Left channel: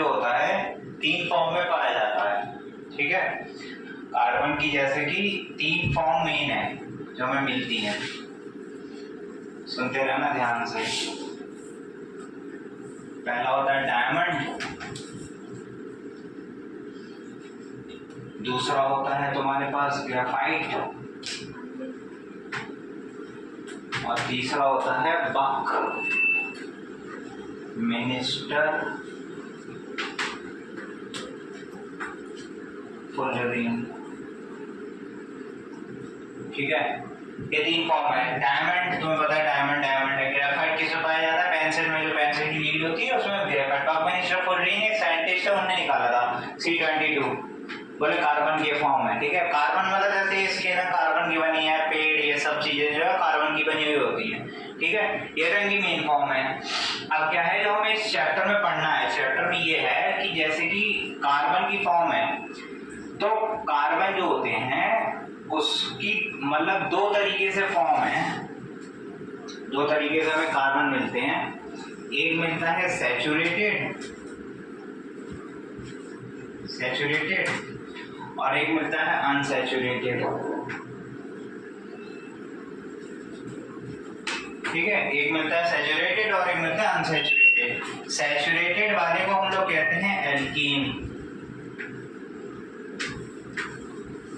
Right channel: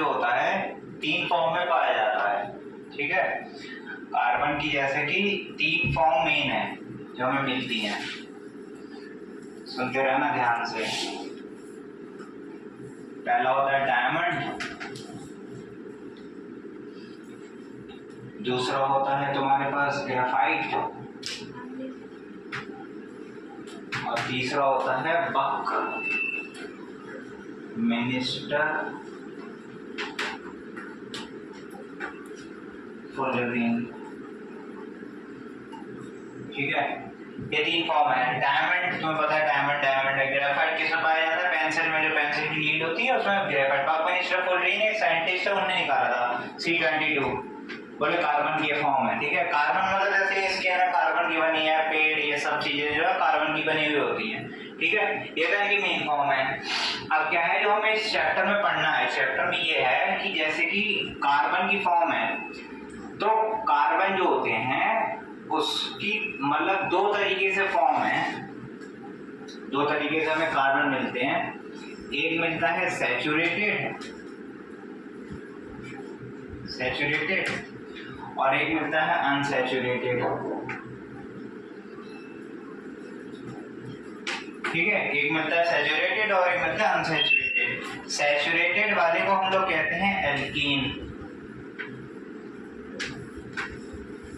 जो होता है 3 फॉर्म में पाया जाता है, ठीक है। कार्बन की जैसे कि 3 फॉर्म मेन है जो हमें मिलती हैं, सुनते रहना ध्यान से। पहला होता है डायमंड, दूसरा होता है तुम्हारे पास ग्रेफाइट, और तीसरा होता है बक, मिनिस्टर, फुलरिन, ठीक है। ये 3 फॉर्म है। डायमंड तुम्हें पता है, डायमंड है। ग्रेफाइट किसमें पाया जाता है? पेंसिल में, जो पेंसिल की लीड होती है उसमें ग्रेफाइट। बक, मिनिस्टर, फुलरिन एक साइंटिस्ट है, उन्होंने निकाला था C22, बोले कार्बन के फॉर्म है, ठीक है। कार्बन मतलब जैसे इसके ना कार्बन की बनी है, पेड़, ये सब चीजें जो है कार्बन की बनी हुई होती हैं, ठीक है। ये तो इनकी मेन फॉर्म है। अब क्या है जो हमें इस चैप्टर में पढ़ना है, चैप्टर में ये है कि जैसे कि कार्बन की फॉर्म है, तो कार्बन जो होते हैं उसकी मतलब 2 तरीके से फॉर्म है, 2 तरीके से हमें कार्बन मिलते हैं। एक मिलता है सैचुरेटेड और एक मिलता है अनसैचुरेटेड, ठीक है। एक मिलता है सैचुरेटेड और एक मिलता है अनसैचुरेटेड। सैचुरेटेड वाले को हम लोग कहते हैं एल्कीन,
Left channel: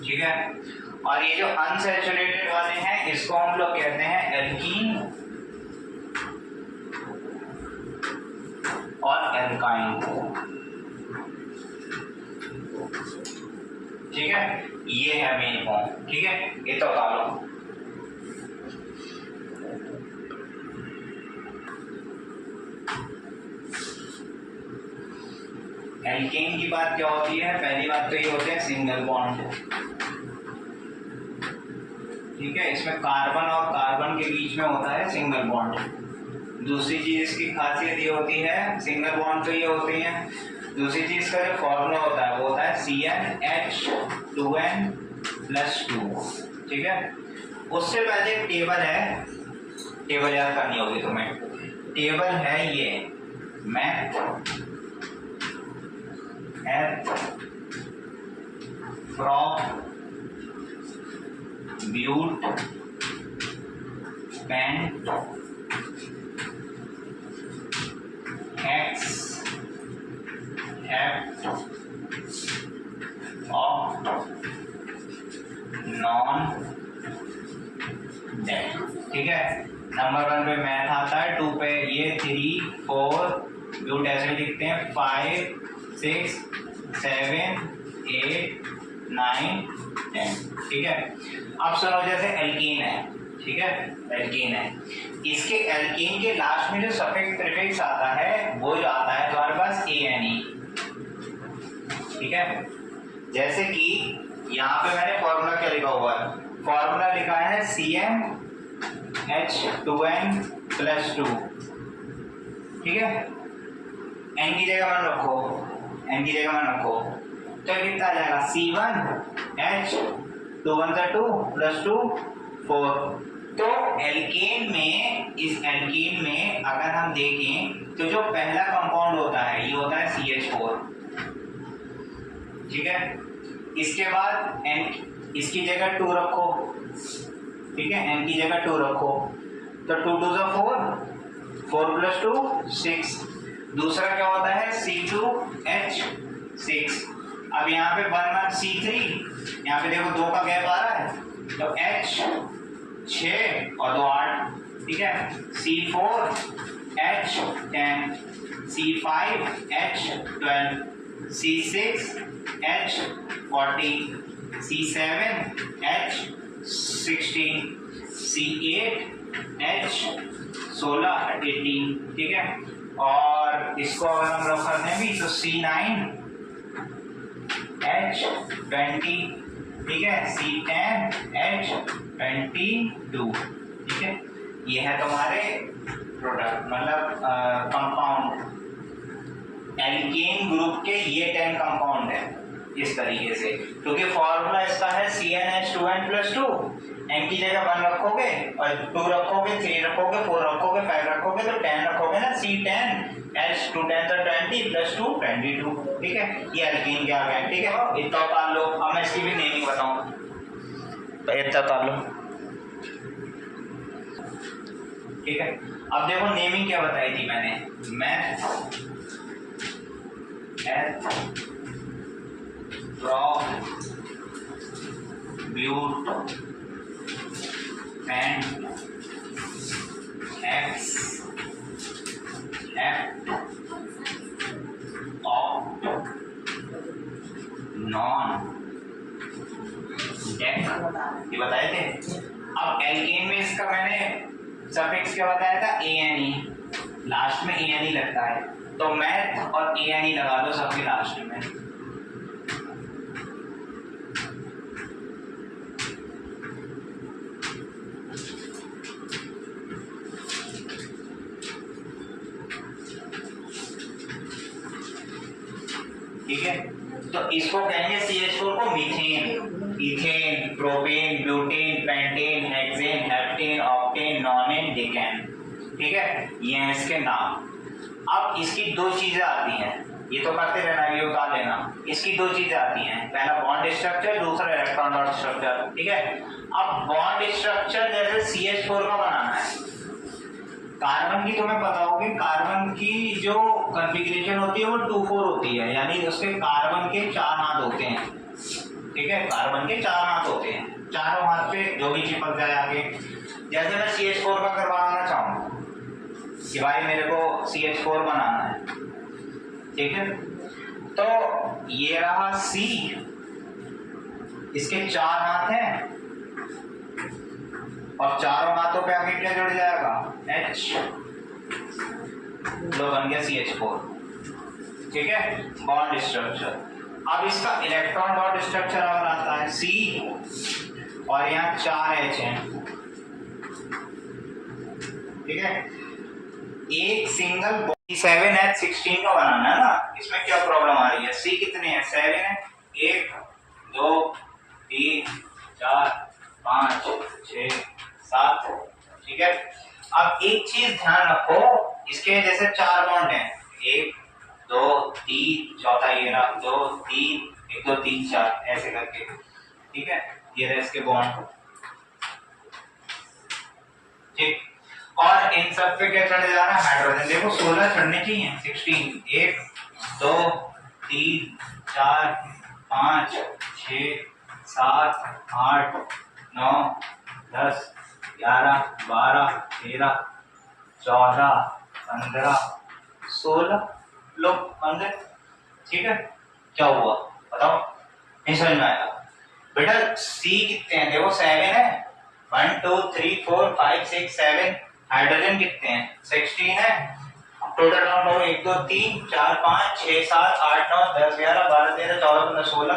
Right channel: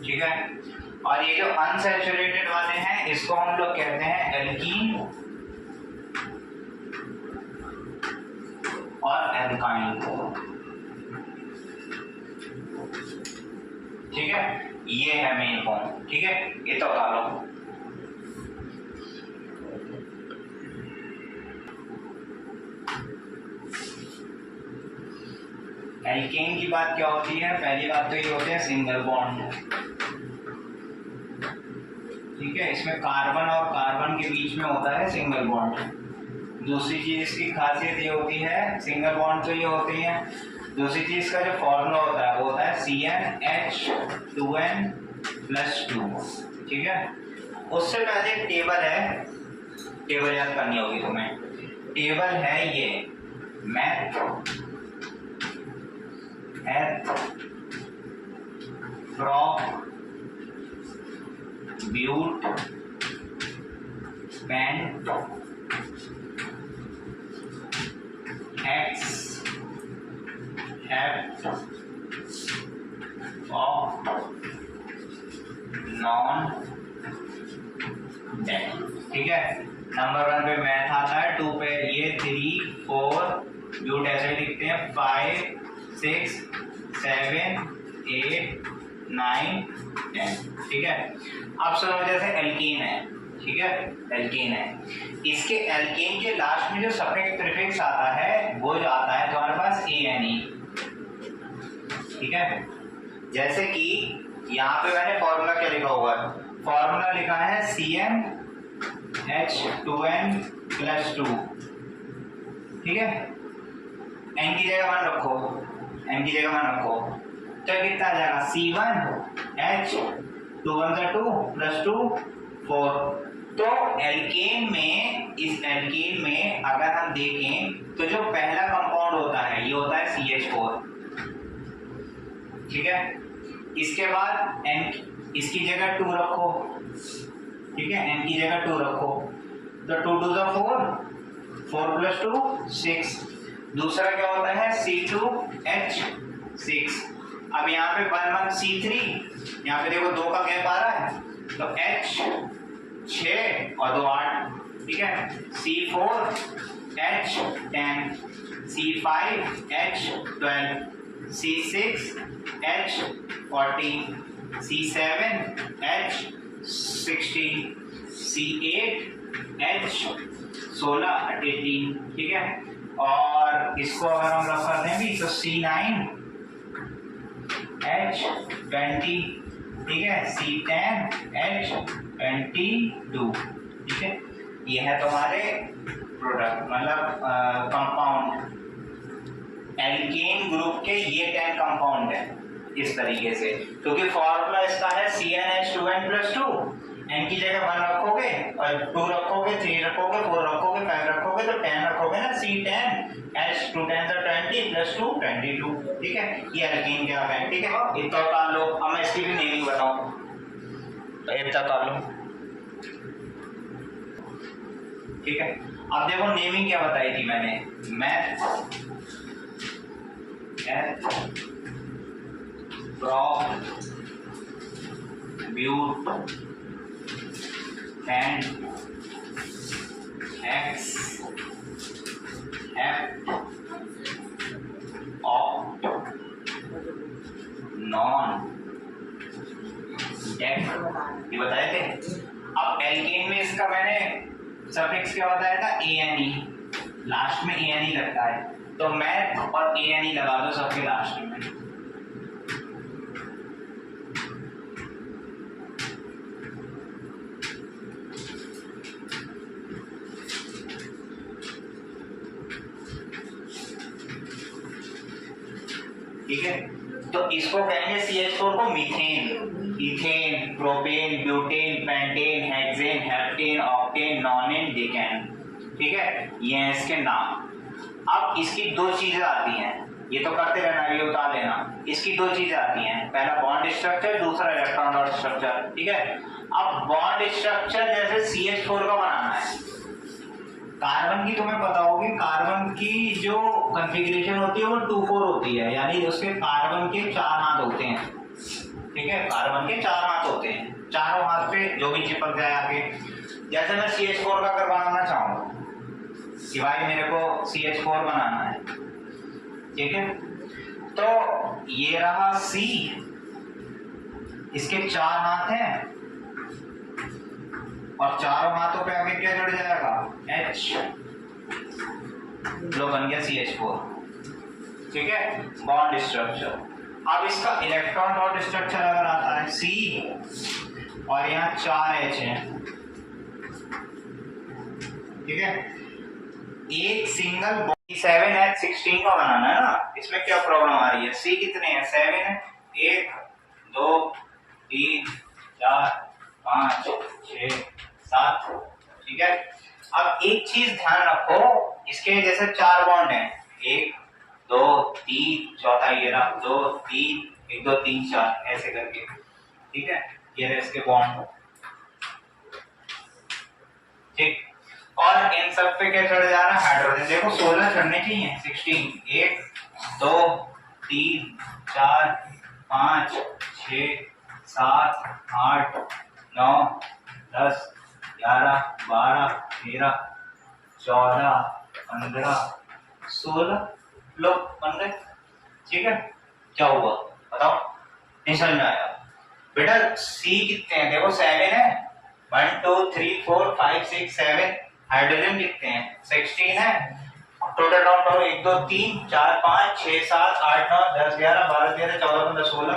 ठीक है। और ये जो अनसैचुरेटेड वाले हैं इसको हम लोग कहते हैं एल्कीन और एल्काइन, ठीक है। ये है मेन फॉर्म, ठीक है। ये तो बता लो। एल्केन की बात क्या होती है? पहली बात तो ये होते हैं सिंगल बॉन्ड, ठीक है। इसमें कार्बन और कार्बन के बीच में होता है सिंगल बॉन्ड। दूसरी चीज इसकी खासियत ये होती है, सिंगल बॉन्ड तो ये होती है, दूसरी चीज का जो फॉर्मूला होता है वो होता है CnH2n+2, ठीक है। उससे पहले एक टेबल है, टेबल याद करनी होगी तुम्हें। टेबल है ये meth prop but pent hex hept oct non dec, ठीक है। नंबर 1 पे मैथ आता है, 2 पे ये 3 4 ब्यूट ऐसे लिखते हैं 5 6 7 8 9 10, ठीक है। अब सुनो, जैसे एल्कीन है, ठीक है, एल्कीन है, इसके एल्कीन के लास्ट में जो सफिक्स प्रीफिक्स आता है वो जो आता है तुम्हारे पास ANE, ठीक है। जैसे कि यहाँ पे मैंने फॉर्मूला क्या लिखा हुआ है? फॉर्मूला लिखा है CnH2n+2, ठीक है। n की जगह मान रखो, n की जगह मान रखो, तो कितना आ जाएगा? C1H2 4। तो एल्केन में, इस एल्केन में अगर हम देखें तो जो पहला कंपाउंड होता है ये होता है CH4, ठीक है। इसके बाद n, इसकी जगह 2 रखो, ठीक है, n की जगह 2 रखो, तो 2 2 4 4 + 2 6। दूसरा क्या होता है? C2H6। अब यहाँ पे 1 1 C3, यहाँ पे देखो 2 का गैप आ रहा है, तो H 6 और 2 8, ठीक है। C4H 10, C5H 12, C6H 14, C7H 16, C8H 16 18, ठीक है। और इसको अगर हम रफ कर दें भी तो C9H 20, ठीक है, C10H 22, ठीक है। ये है तुम्हारे प्रोडक्ट, मतलब कंपाउंड। एल्केन ग्रुप के ये 10 कंपाउंड है, इस तरीके से, क्योंकि फॉर्मूला इसका है CnH2n+2, n की जगह 1 रखोगे और 2 रखोगे, 3 रखोगे, 4 रखोगे, 5 रखोगे तो 10 रखोगे ना, C10H210 तो 20+2 22। ठीक है, ये एल्कीन के आ गए। ठीक है, इतना कर लो। अब मैं इसकी भी नेमिंग बताऊं तो इतना कर लो। ठीक है, अब देखो नेमिंग क्या बताई थी मैंने, meth but and x f of non dec, ये बताए थे। अब एल्केन में इसका मैंने सफिक्स क्या बताया था, ANE, लास्ट में ANE लगता है, तो मैथ और ANE लगा दो सबके लास्ट में। ठीक है, तो इसको कहेंगे CH4 को methane, ethane, propane, butane, pentane, hexane, heptane, octane, nonane, decane. ठीक है, ये हैं इसके नाम। अब इसकी दो चीजें आती हैं, ये तो करते रहना, ये उतार लेना। इसकी दो चीजें आती हैं, पहला बॉन्ड स्ट्रक्चर, दूसरा इलेक्ट्रॉन डॉट स्ट्रक्चर। ठीक है, अब बॉन्ड स्ट्रक्चर जैसे CH4 का बनाना है, कार्बन की तुम्हें पता होगी, कार्बन की जो कॉन्फ़िगरेशन होती है वो 2,4 होती है, यानी उसके कार्बन के 4 हाथ होते हैं। ठीक है, कार्बन के 4 हाथ होते हैं, चारों हाथ पे जो भी चिपक जाए आगे। जैसे मैं CH4 का करवाना चाहूँ कि भाई मेरे को CH4 बनाना है, ठीक है, तो ये रहा C, इसके 4 हाथ हैं और चारों हाथों पे आगे क्या जुड़ जाएगा, H, लो बन गया CH4। ठीक है, बॉन्ड स्ट्रक्चर। अब इसका इलेक्ट्रॉन डॉट स्ट्रक्चर अगर आता है C और यहाँ 4 H हैं। ठीक है, एक सिंगल 7H16 का बनाना है ना, इसमें क्या प्रॉब्लम आ रही है, C कितने हैं, 7 है, 1 2 3 4 5 6 7। ठीक है, अब एक चीज ध्यान रखो, इसके जैसे 4 बॉन्ड हैं, 1 2 3, चौथा ये रहा 2 3, 1 2 3 4 ऐसे करके। ठीक है, ये रहे इसके बॉन्ड। ठीक, और इन सब पे क्या चढ़ जा रहा है, हाइड्रोजन। देखो 16 चढ़ने चाहिए, 16, 1 2 3 4 5 6 7 8 9 10 11 12 13 14 15 16 लोग बन गए। ठीक है, क्या हुआ बताओ, नहीं समझ में आया बेटा। C कितने हैं, देखो 7 है, 1 2 3 4 5 6 7। हाइड्रोजन कितने हैं, 16 है, टोटल डाउन करो, 1 2 3 4 5 6 7 8 9 10 11 12 13 14 15 16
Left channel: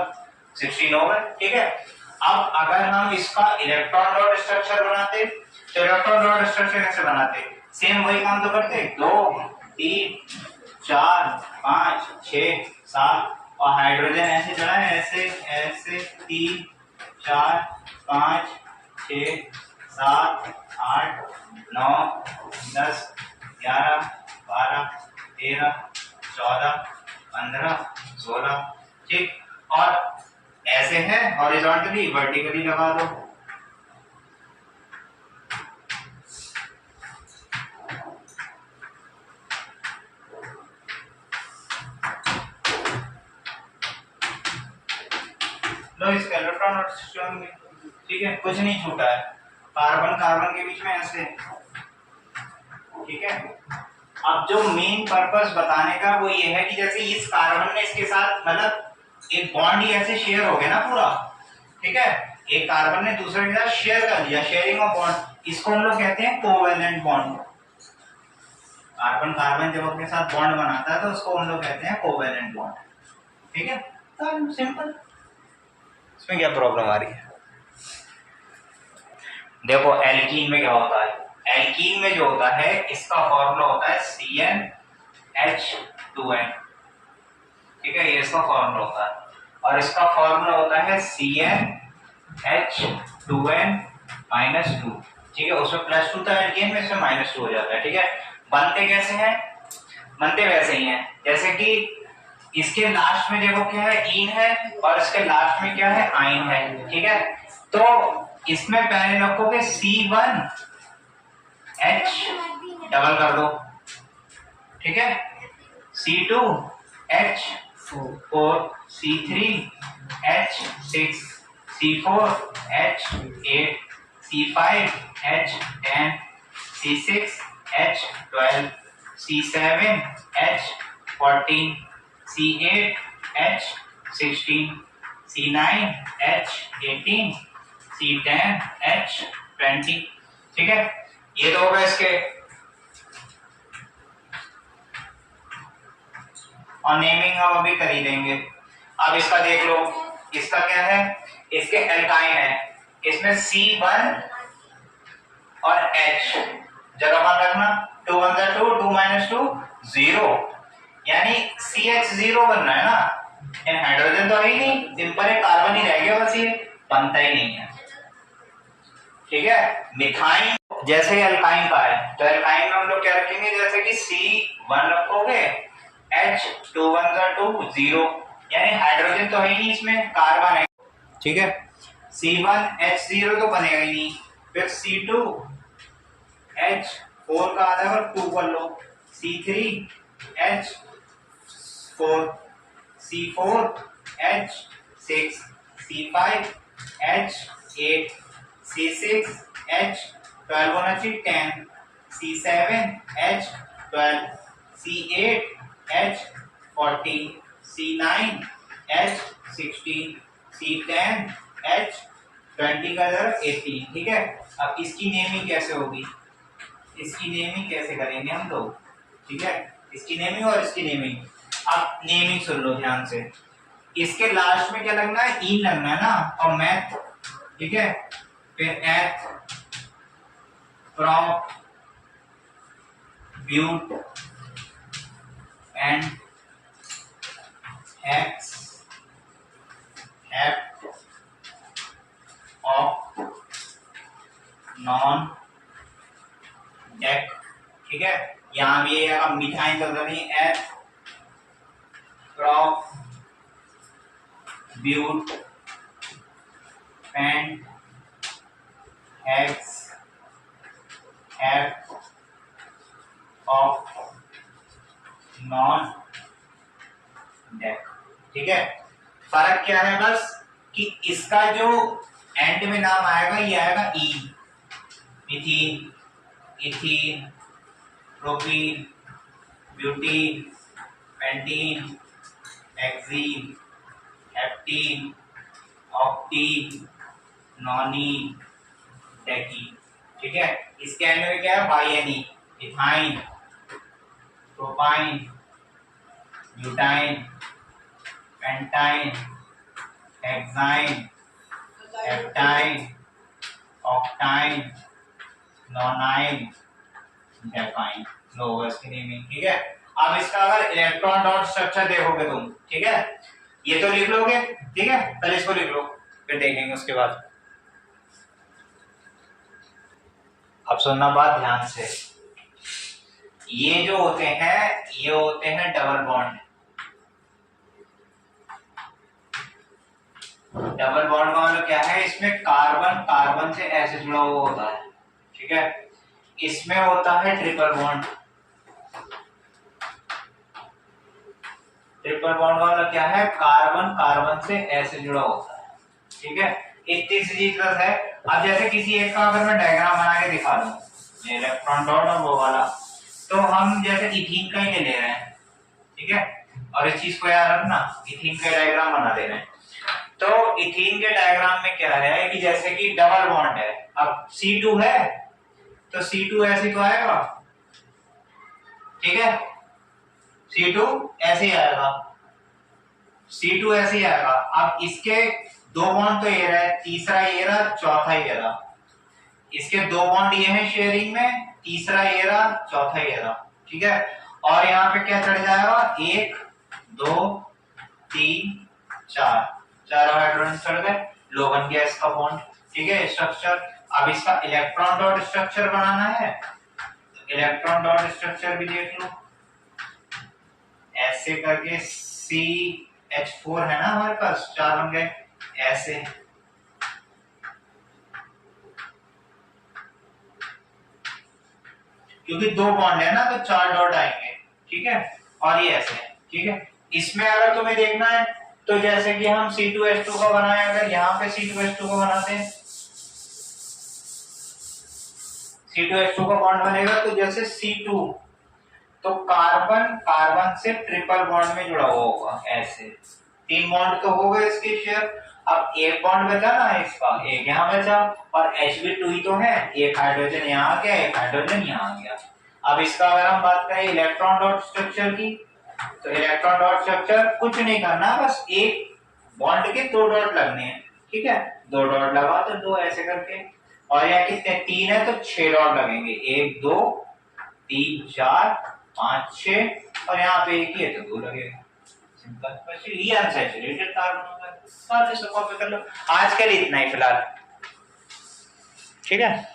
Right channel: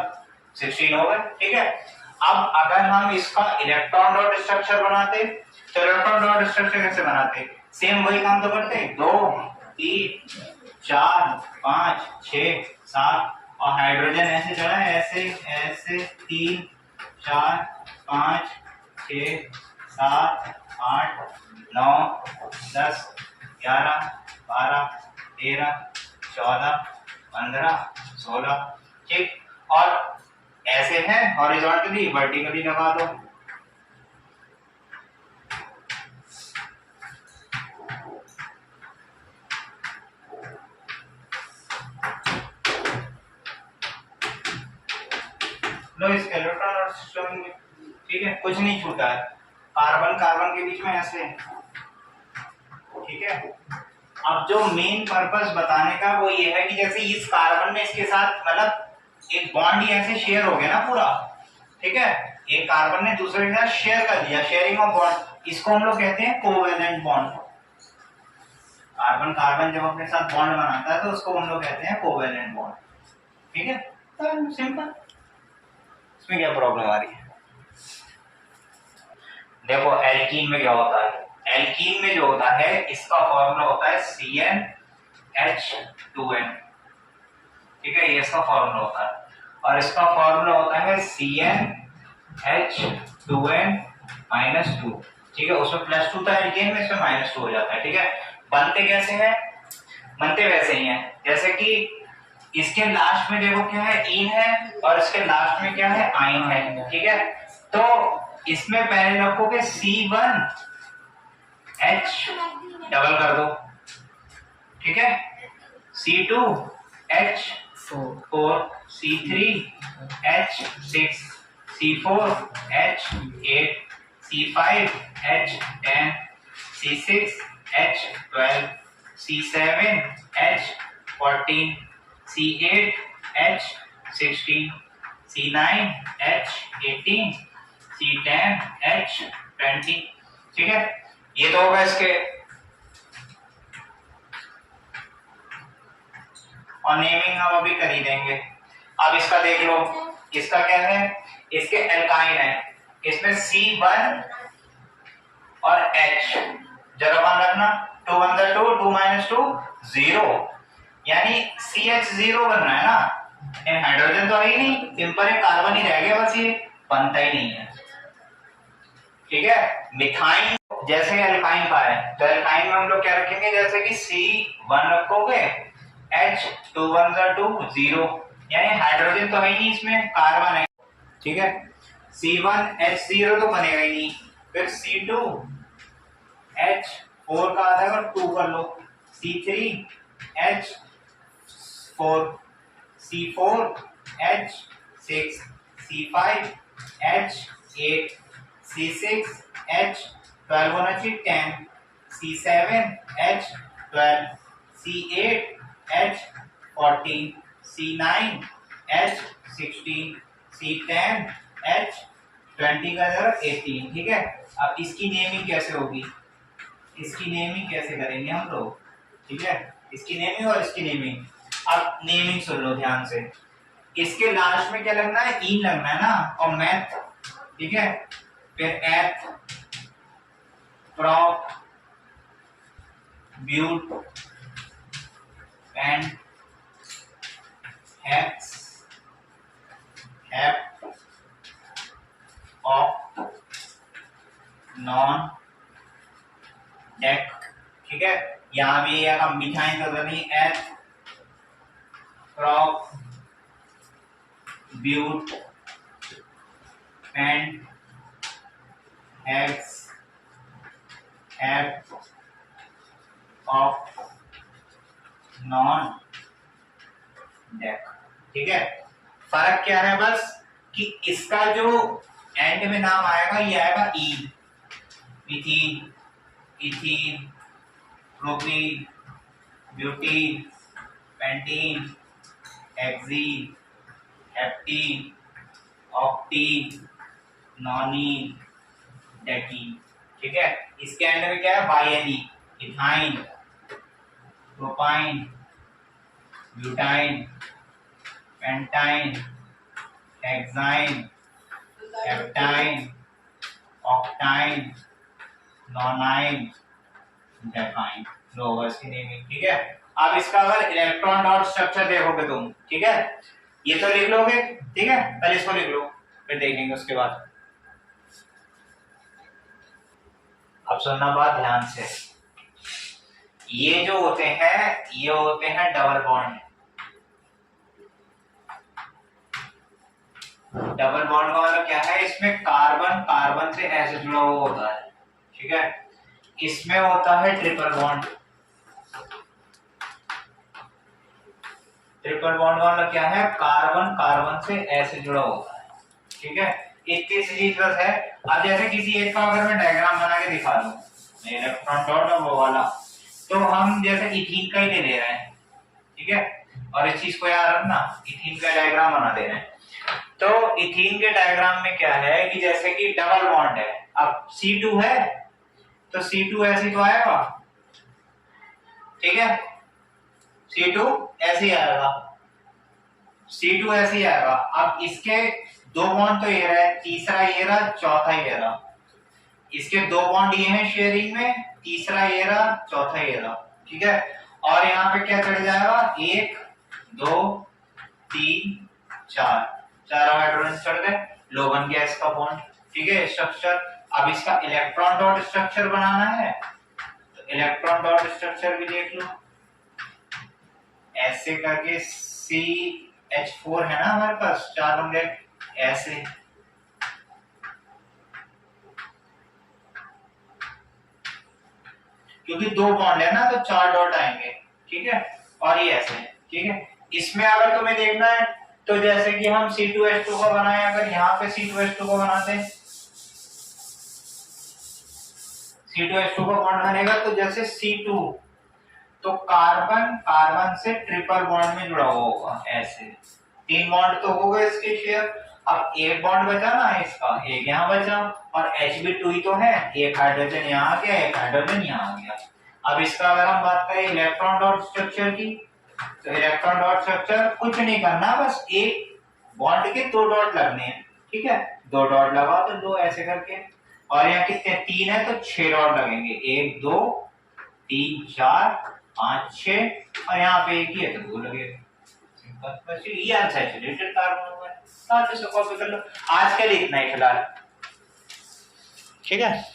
16 हो गए। ठीक है, अब अगर हम इसका इलेक्ट्रॉन डॉट स्ट्रक्चर बनाते तो इलेक्ट्रॉन डॉट स्ट्रक्चर कैसे बनाते, सेम वही काम तो करते, 2 3 4 5 6 7, और हाइड्रोजन ऐसे चढ़ा है, ऐसे ऐसे 3 4 5 6 7 8 9 10 11 12 13 14 15 16। ठीक, और ऐसे है हॉरिजॉन्टली, वर्टिकली लगा दो। लो इसका इलेक्ट्रॉन और सिस्टम। ठीक है, कुछ नहीं छूटा है, कार्बन कार्बन के बीच में ऐसे। ठीक है, अब जो मेन पर्पस बताने का वो ये है कि जैसे इस कार्बन ने इसके साथ मतलब एक बॉन्ड ही ऐसे शेयर हो गया ना पूरा। ठीक है, एक कार्बन ने दूसरे के साथ शेयर कर लिया, शेयरिंग ऑफ बॉन्ड, इसको हम लोग कहते हैं कोवेलेंट बॉन्ड। कार्बन कार्बन जब अपने साथ बॉन्ड बनाता है तो उसको हम लोग कहते हैं कोवेलेंट बॉन्ड। ठीक है, तो सिंपल, इसमें क्या प्रॉब्लम आ रही है। देखो एल्कीन में क्या होता है, एल्कीन में जो होता है इसका फॉर्मूला होता है CnH2n। ठीक है, ये इसका फॉर्मूला होता है। और इसका फॉर्मूला होता है CnH2n-2, ठीक है। उसमें +2 था एल्केन में, इसमें -2 हो जाता है, ठीक है। बनते कैसे हैं? बनते वैसे ही हैं जैसे कि इसके लास्ट में देखो क्या है, इन है, और इसके लास्ट में क्या है, आइन है, ठीक है। तो इसमें पहले रखोगे C1H डबल कर दो, ठीक है, C2H4, C3H6, C4H8, C5H10, C6H12, C7H14, C8H16, C9H18, C10H20, ठीक है। ये तो होगा इसके। और नेमिंग हम अभी कर ही देंगे। अब इसका देख लो, इसका क्या है, इसके एल्काइन है, इसमें C1 और H जरा कम रखना, 2 1 2 2 -2 0, यानी CH0 बन रहा है ना। इन हाइड्रोजन तो है ही नहीं, सिंपल एक कार्बन ही रह गया, बस ये बनता ही नहीं है, ठीक है। मिथाइन जैसे एल्काइन का है, तो एल्काइन में हम लोग क्या रखेंगे, जैसे कि C1 रखोगे, H 2 1 2 0, यानी हाइड्रोजन तो है ही नहीं, इसमें कार्बन है, ठीक है। C1H0 तो बनेगा ही नहीं, फिर C2H4 का आधा कर 2 कर लो, C3H4, C4H6, C5H8, C6H12 होना चाहिए 10, C7H12, C8H14, C9H16, C10H20 का जरा 18, ठीक है। अब इसकी नेमिंग कैसे होगी, इसकी नेमिंग कैसे करेंगे हम लोग, ठीक है, इसकी नेमिंग और इसकी नेमिंग। अब नेमिंग सुन लो ध्यान से, इसके लास्ट में क्या लगना है, इन लगना है ना, और मैथ, ठीक है, फिर eth, prop, but, pent, hex, hept, oct, non, dec, ठीक है। यहां भी ये मिथाइन का नहीं, eth, prop, but, pent, hex, hept, oct, non, dec, ठीक है। फर्क क्या है बस कि इसका जो एंड में नाम आएगा ये आएगा ई, methene, ethene, propene, butene, pentene, hexene, heptene, octene, nonene, decene, ठीक है। इसके एंड में क्या है, बाइएनी, ethyne, propyne, butyne, pentyne, hexyne, heptyne, octyne, nonyne, decyne, लो इसकी नेमिंग, ठीक है। अब इसका अगर इलेक्ट्रॉन डॉट स्ट्रक्चर देखोगे तुम, ठीक है, ये तो लिख लोगे, ठीक है, पहले इसको लिख लो, फिर देखेंगे उसके बाद। अब सुनना बात ध्यान से, ये जो होते हैं ये होते हैं डबल बॉन्ड। डबल बॉन्ड का मतलब क्या है, इसमें कार्बन कार्बन से ऐसे जुड़ा हुआ होता है, ठीक है। इसमें होता है ट्रिपल बॉन्ड। ट्रिपल बॉन्ड का मतलब क्या है, कार्बन कार्बन से ऐसे जुड़ा होता है, ठीक है। इतनी सी चीज बस है। अब जैसे किसी एक का अगर मैं डायग्राम बना के दिखा दूं, इलेक्ट्रॉन डॉट और वो वाला, तो हम जैसे इथीन का ही ले रहे हैं, ठीक है, और इस चीज को याद रखना, इथीन का डायग्राम बना दे रहे हैं। तो इथीन के डायग्राम में क्या है कि जैसे कि डबल बॉन्ड है, अब C2 है तो C2 ऐसे तो आएगा, ठीक है, C2 ऐसे ही आएगा, C2 ऐसे ही आएगा। अब इसके दो बॉन्ड तो ये रहा, तीसरा ये रहा, चौथा ये रहा, इसके दो बॉन्ड ये हैं शेयरिंग में, तीसरा ये रहा, चौथा ये रहा, ठीक है। और यहाँ पे क्या चढ़ जाएगा, 1 2 3 चार हाइड्रोजन चढ़ गए, लो बन गया इसका बॉन्ड। ठीक है स्ट्रक्चर। अब इसका इलेक्ट्रॉन डॉट स्ट्रक्चर बनाना है, तो इलेक्ट्रॉन डॉट स्ट्रक्चर भी देख लो। ऐसे करके CH4 है ना हमारे पास, 4 बन गए ऐसे। क्योंकि 2 बॉन्ड है ना तो 4 डॉट आएंगे। ठीक है, और ये ऐसे। ठीक है, इसमें अगर तुम्हें देखना है तो जैसे कि हम C2H2 का बनाए, अगर यहाँ पे C2H2 को बनाते हैं, C2H2 का बॉन्ड बनेगा तो जैसे C2, तो कार्बन कार्बन से ट्रिपल बॉन्ड में जुड़ा हुआ होगा ऐसे। 3 बॉन्ड तो हो गए इसके शेयर। अब एक बॉन्ड बचा ना इसका, एक यहाँ बचा, और Hb2 ही तो है, एक हाइड्रोजन यहाँ आ गया, एक हाइड्रोजन यहाँ आ गया। अब इसका अगर हम बात करें इलेक्ट्रॉन डॉट स्ट्रक्चर की, तो इलेक्ट्रॉन डॉट स्ट्रक्चर कुछ नहीं करना, बस एक बॉन्ड के 2 डॉट लगने हैं। ठीक है, 2 डॉट लगा तो 2 ऐसे करके, और यहाँ कितने 3 है तो 6 डॉट लगेंगे, 1 2 3 4 5 6, और यहाँ पे एक ही है तो 2 लगेगा। सिंपल, बस ये अनसैचुरेटेड कार्बन होगा। इसको कॉपी कर लो। आज के लिए इतना ही फिलहाल। ठीक है।